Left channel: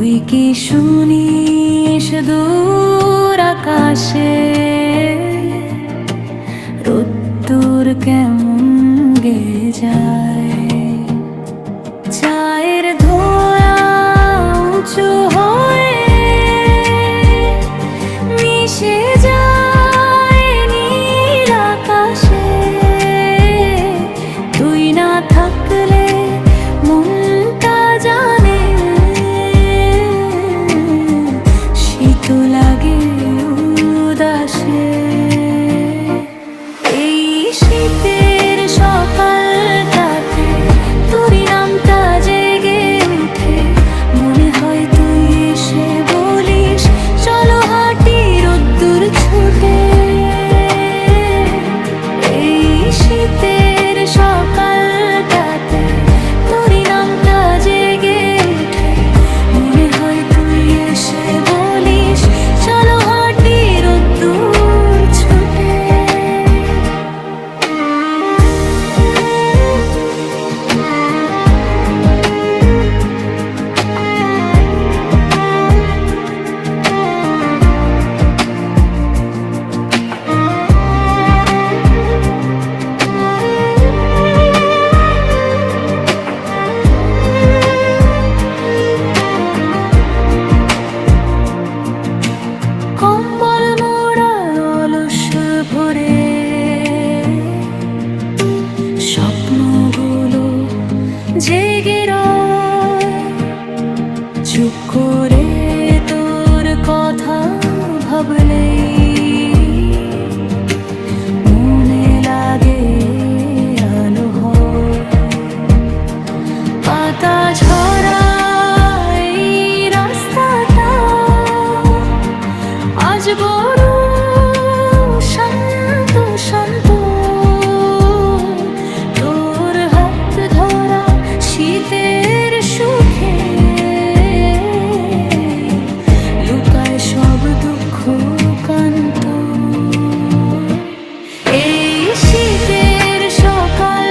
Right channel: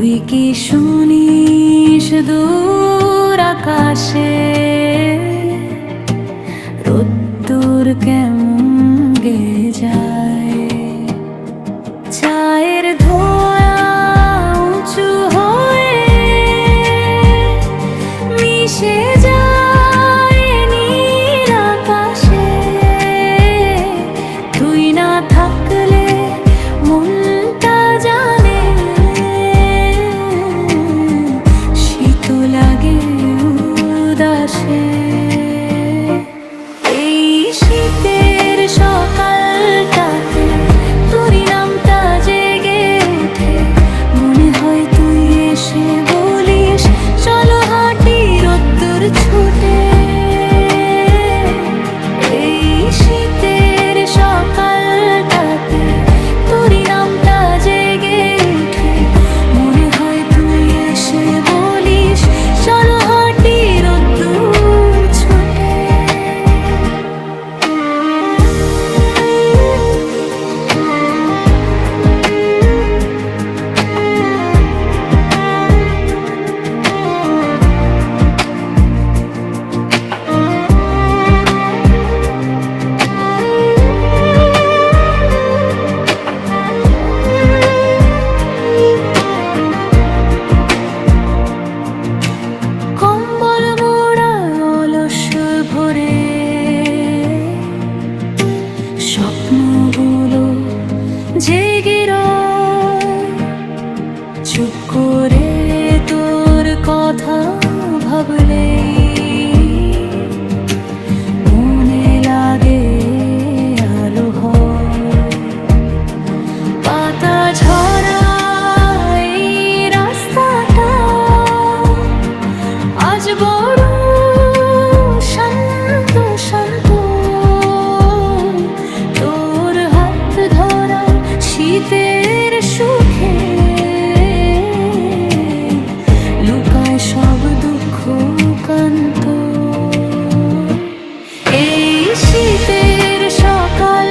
তুই কি শুনিস দূর আকাশে রোদ্দুর কেমন গে যায়? চায়ের ধোঁয়া উঁচু হয়ে মিশে যায় নীল আকাশে। তুই না থাকলে মনটা জানে শীত লাগে উদাসে। এই শীতের সকালটাতে তোর নামটা জেগে উঠে, মনে হয় তুই এসে বলিস চলো হাঁটি রোদ্দুর ছুটে। এই শীতের সকালটাতে তোর নামটা জেগে উঠে, মনে হয় তুই এসে বলিস চলো হাঁটি রোদ্দুর ছুটে। কম্বল মোড়া অলস ভরে স্বপ্নগুলো জেগে রয়, চুপ করে তোর কথা ভাবলেই মনে লাগে আলো হয়। পাতা ঝরা এই রাস্তাটা আজ বড় শান্ত শান্ত। তোর হাত ধরা শীতের সুখে লুকায় সব দুঃখ কান্ত। এই শীতের সকাল